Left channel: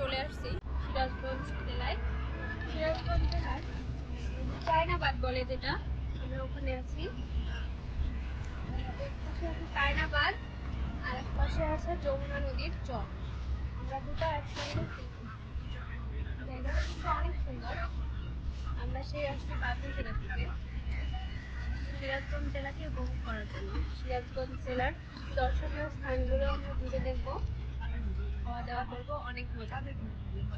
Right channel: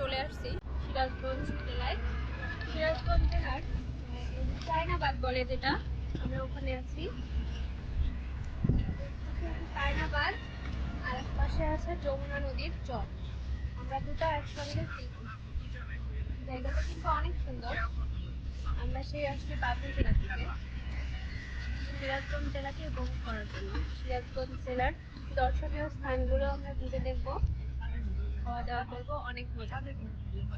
চলে আসছি সিরাজগঞ্জ জেলায়। সিরাজগঞ্জ জেলার চায়নাবাদ বলে যেটা, আমরা ওখানে আছি। চায়নাবাদ আর এক পাশে আছে যমুনা নদীর চর। আমরা দুটো একসঙ্গে জায়গাটা কিন্তু অনেক সুন্দর। আমরা সেই আসছি পাবনা জেলা থেকে সিরাজগঞ্জ জেলাকে উপভোগ করার জন্য। সিরাজগঞ্জ জেলার দর্শনীয় স্থানগুলো আমরা ঘুরে দেখবো, খাওয়া দাওয়া করবো, অনেক মজা দেখবো।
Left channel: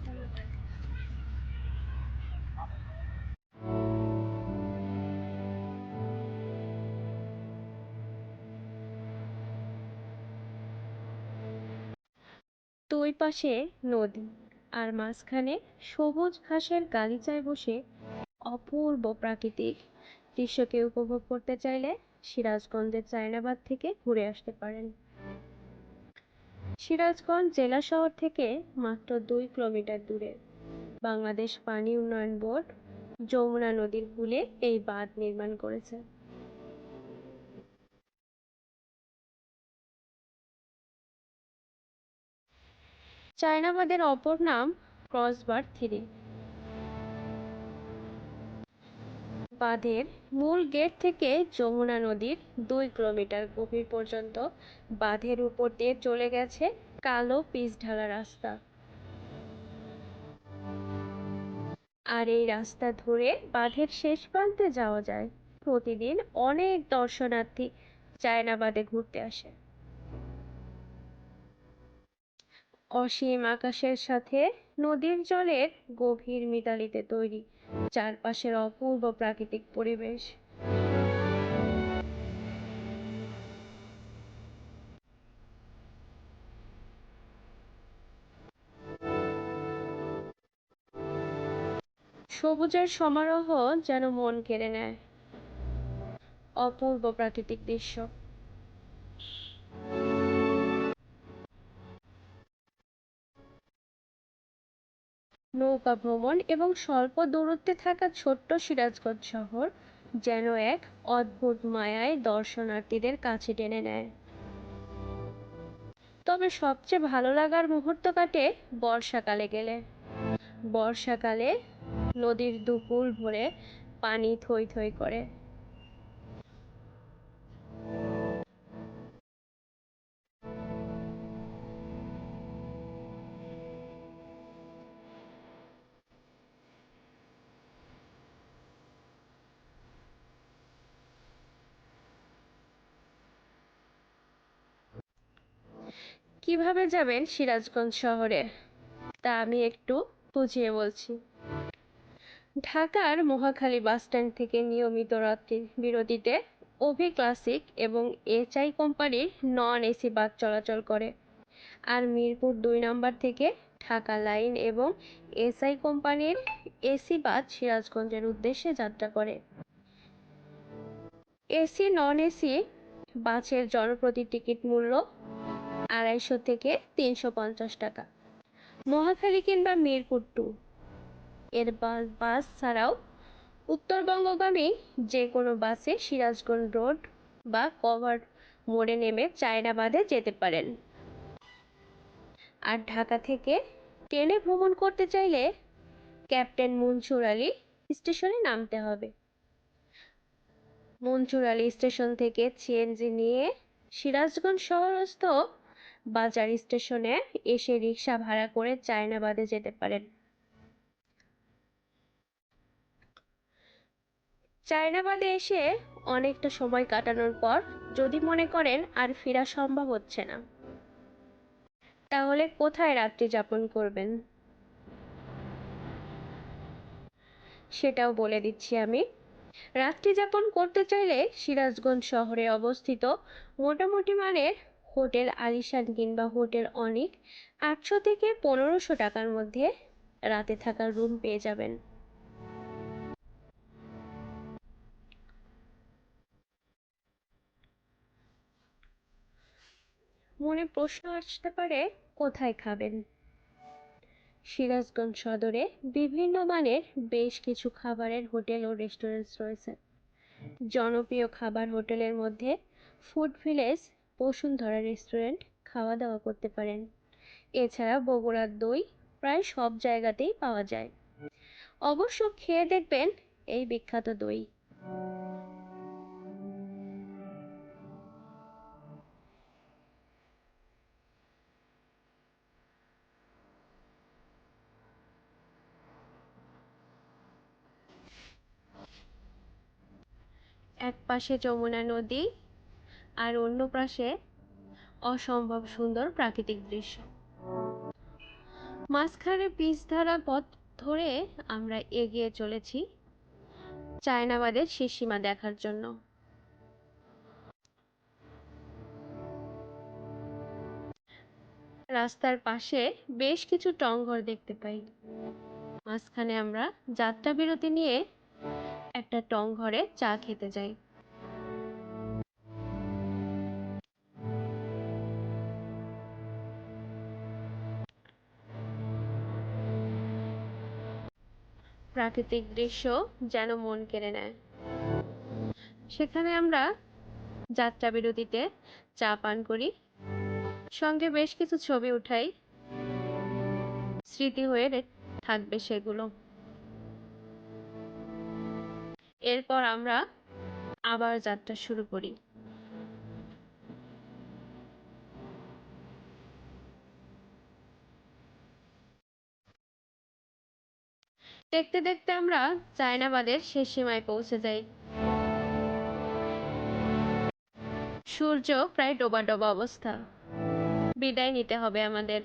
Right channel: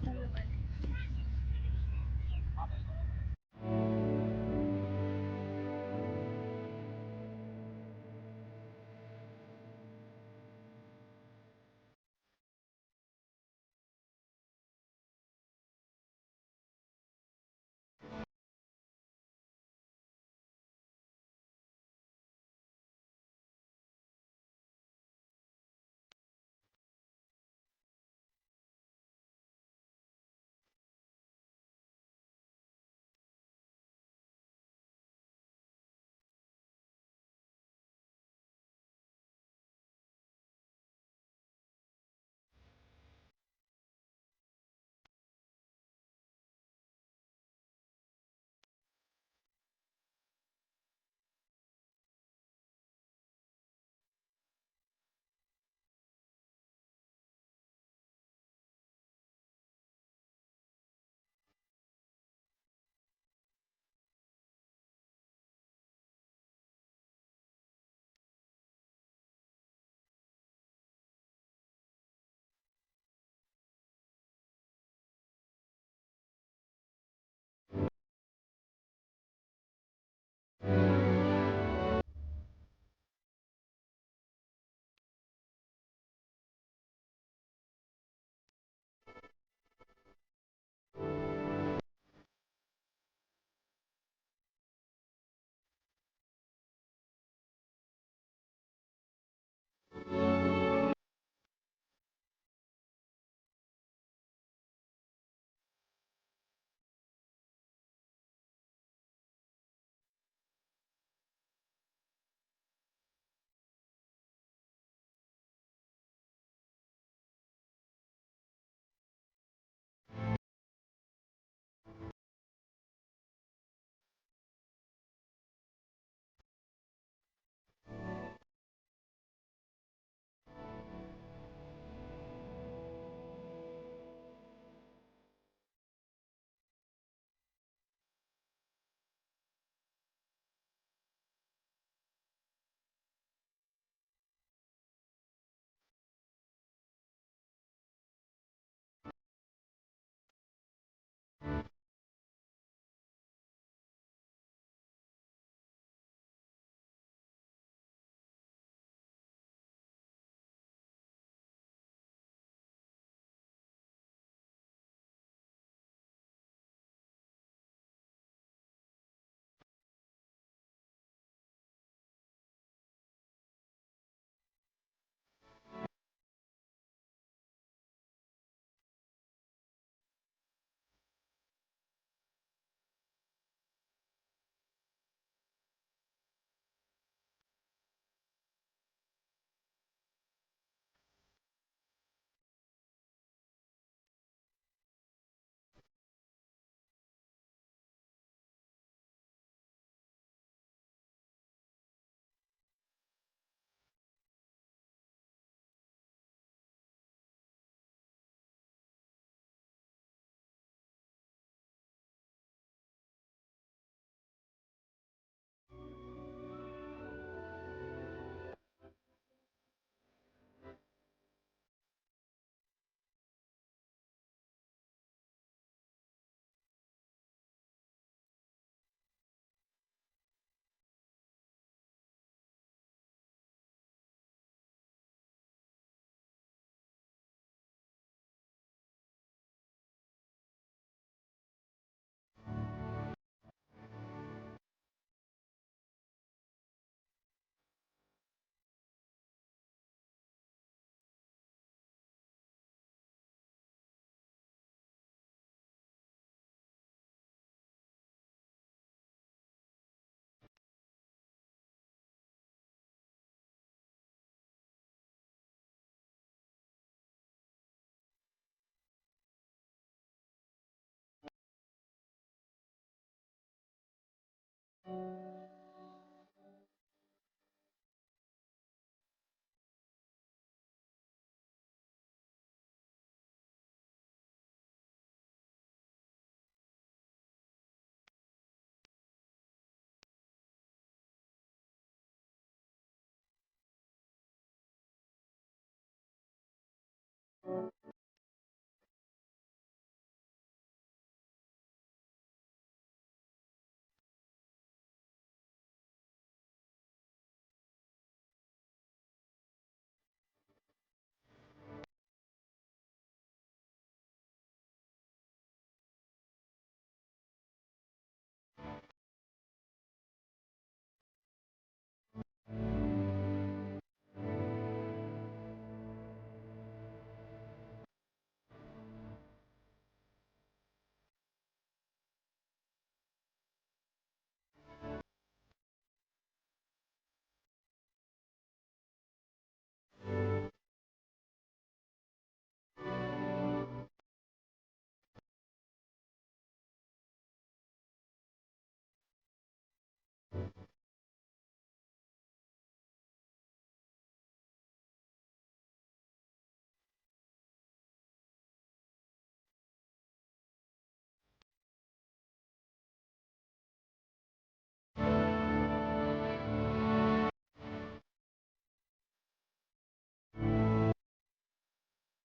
ধন্যবাদ। দুই পাশে নদী আর মাঝখানে সবুজ ঘাসের গালিচায় বসে অপূর্ব প্রাকৃতিক দৃশ্যকে উপভোগ করতে চাইলে সিরাজগঞ্জের চায়নাবাদ থেকে ঘুরে আসতে পারেন। সিরাজগঞ্জ জেলা শহর থেকে মাত্র 2 কিলোমিটার দূরে বাংলাদেশ পানি উন্নয়ন বোর্ড যমুনা নদীর কূলে এই বাঁধ নির্মাণ করেছে। চায়নাবাদের অপর নাম ক্রসবার থ্রি। বাঁধের মূল গেট থেকে যমুনা নদীর 2 কিলোমিটার গভীর পর্যন্ত বাঁধের উপর দিয়ে চলে গেছে কালো পিচ ঢালা রাস্তা। আর এই রাস্তা ধরে বাঁধের শেষ প্রান্তে যাওয়া যায়। প্রতিদিন অনেক দর্শনার্থী চায়নাবাদে ঘুরতে আসে। অসীম আকাশের সাথে নদীর জলের গভীর মিতালিতে তৈরি চারপাশের অপূর্ব প্রাকৃতিক পরিবেশ। সবুজের সমারোহ যেন মন কেড়ে নেয়। অপূর্ব প্রাকৃতিক দৃশ্য। নৌকা ভ্রমণ এবং স্বল্প দূরত্বে থাকা ছোট্ট সিরাজগঞ্জ শহর যেন এক অদ্ভুত মায়ায় দর্শনার্থীদের কাছে টেনে নেয়। তবে সবচেয়ে ভালো লাগার মুহূর্ত কাটে বর্ষাকালে গেলে। বর্ষাকালে নদীর দুকুল ভরে পানি থই থই করে। কিভাবে যাবেন সিরাজগঞ্জ শহরে তা আমি একটু বুঝিয়ে বলছি। ঢাকার মহাখালী বাসস্ট্যান্ড থেকে নিয়মিত রাত্রি বিরতিতে অভি ক্লাসিক এবং এইচআই কোম্পানির নন এসি বাস চলাচল করে। আর মিরপুর 2 নম্বর থেকে ঢাকা লাইন এবং এসআই কোম্পানির এসি বাস সিরাজগঞ্জের উদ্দেশ্যে যাত্রা করে। এসি নন এসি বাসের জনপ্রতি টিকিট মূল্য 250 থেকে 350 টাকা। মহাখালী কিংবা মিরপুর 2 এর বাস ছাড়াও উত্তরবঙ্গগামী যে কোনো বাসে সিরাজগঞ্জ রোড বা কভার মোড়ে নেমে চায়নাবাদে যেতে পারেন। আর ঢাকা থেকে ট্রেনে ভ্রমণ করতে চাইলে ক্যাপ্টেন মনসুর আলী স্টেশনে নামতে হবে। মনসুর আলী স্টেশন থেকে সিএনজি নিয়ে সিরাজগঞ্জ শহরস্থ বাজার স্টেশনে এসে রিক্সা ভাড়া করে চায়নাবাদে যেতে পারেন। চায়নাবাদে এসে অনেকটা সময় কাটানোর পর যদি মনে করেন আর ফেরা সম্ভব হচ্ছে না, তাহলে কোথায় রাত্রি যাপন করবেন সেটাও বলে দিচ্ছি আমি। রাত্রি যাপন করতে চাইলে সিরাজগঞ্জ শহরে অবস্থিত মোটামুটি মানের হোটেল আলিশান কিংবা হোটেল অনিক 800 থেকে 1500 টাকার মধ্যে রাতে থাকার রুম পেয়ে যাবেন। মনে প্রশ্ন আসতে পারে কোথায় খাবেন। সিরাজগঞ্জ সদরে বিভিন্ন মানের বেশ কিছু খাবারের হোটেল ও রেস্টুরেন্ট রয়েছে। জনপ্রিয় খাবার হোটেলের মধ্যে ফুড ভিলেজ, বসুন্ধরা রেস্টুরেন্ট খাওয়া দাওয়া করতে পারেন। এছাড়া বগুড়ার দই, প্রায় সব জায়গাতেই পাওয়া যায়। অবশ্য খেয়ে দেখবেন এই বিখ্যাত দই। এক পাশে যমুনা নদী আর অন্য পাশে অসম্ভব সুন্দর প্রাকৃতিক দৃশ্য। মাঝখানে পিচ ধরা পথ ধরে আমরা এগিয়ে চলেছি চায়নাবাদের শেষ সীমা দেখার জন্য। রাস্তার পাশে বেশ কিছু টংঘর দেখতে পাই। মাঝখানে আমরা যাত্রা বিরতি নিয়ে একটা টংঘরে চা খেতে যাই। প্রাকৃতিক দৃশ্য যেন মন কেড়ে নেয়। সেখানে আমরা যাত্রা বিরতিতে চা পান করি, সঙ্গে বেশ কিছু ছবি উঠাই, স্মৃতি হয়ে থাকবে সেগুলো। এরপর আমরা আবার যাত্রা শুরু করি। দেখতে দেখতে আমরা চায়নাবাদের শেষ সীমায় পৌঁছে যাই। সূর্য প্রায় ডোবা ডোবা অবস্থা। বিদায় নিতে হবে আমাদের।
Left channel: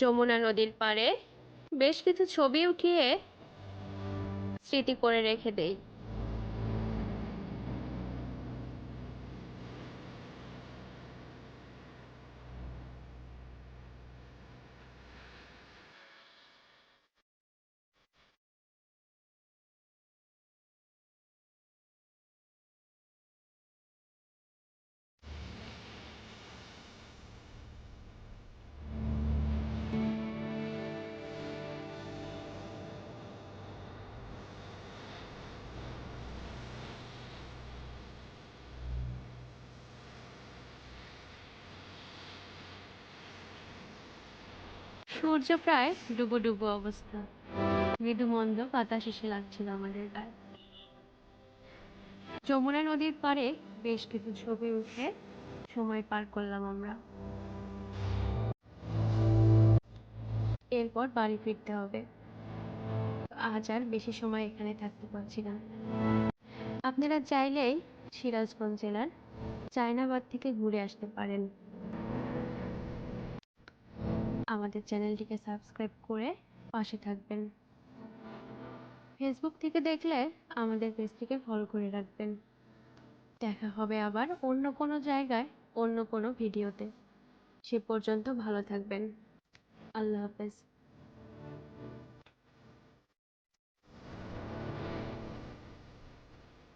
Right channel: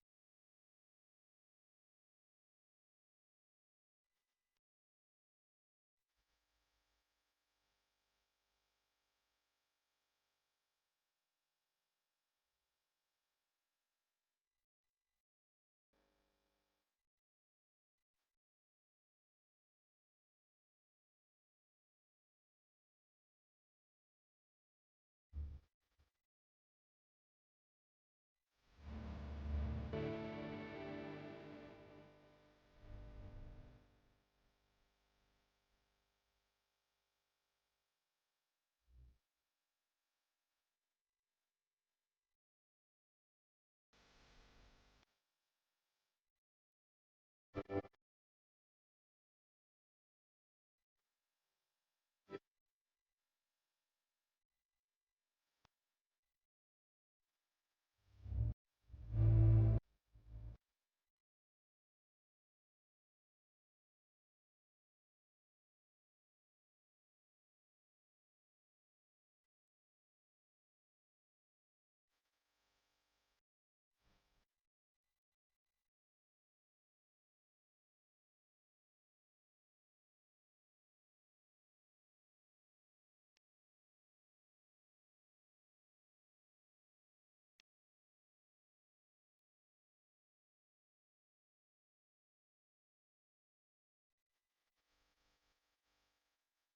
যমুনা নদীর পাড়ে বেশ কিছু ছবি উঠিয়ে স্মৃতি করে রেখে দেই। সূর্য প্রায় ডুবো ডুবো অবস্থা। মৃদু মন্দ বাতাস এসে লাগছিল আমাদের গায়ে। যমুনা নদীর পাড়ে বেশ কিছু ছবি উঠে সময় পার করলাম আমরা। এরপর বাড়ি ফিরতে হবে। আজ আর বেশি সময় এখানে থাকতে পারছি না। আপনারা চাইলেই সিরাজগঞ্জ জেলার চায়নাবাদ থেকে ঘুরে আসতে পারেন। আমাদের চ্যানেলটিকে সাবস্ক্রাইব করে পাশে থাকবেন। ফেসবুক থেকে দেখলে আমাদের পেজটিকে ফলো করে রাখবেন। দেখা হবে আবার অন্য কোনো জায়গায় অন্য কোনো ভিডিওতে। সে পর্যন্ত ভালো থাকবেন। আল্লাহ হাফেজ।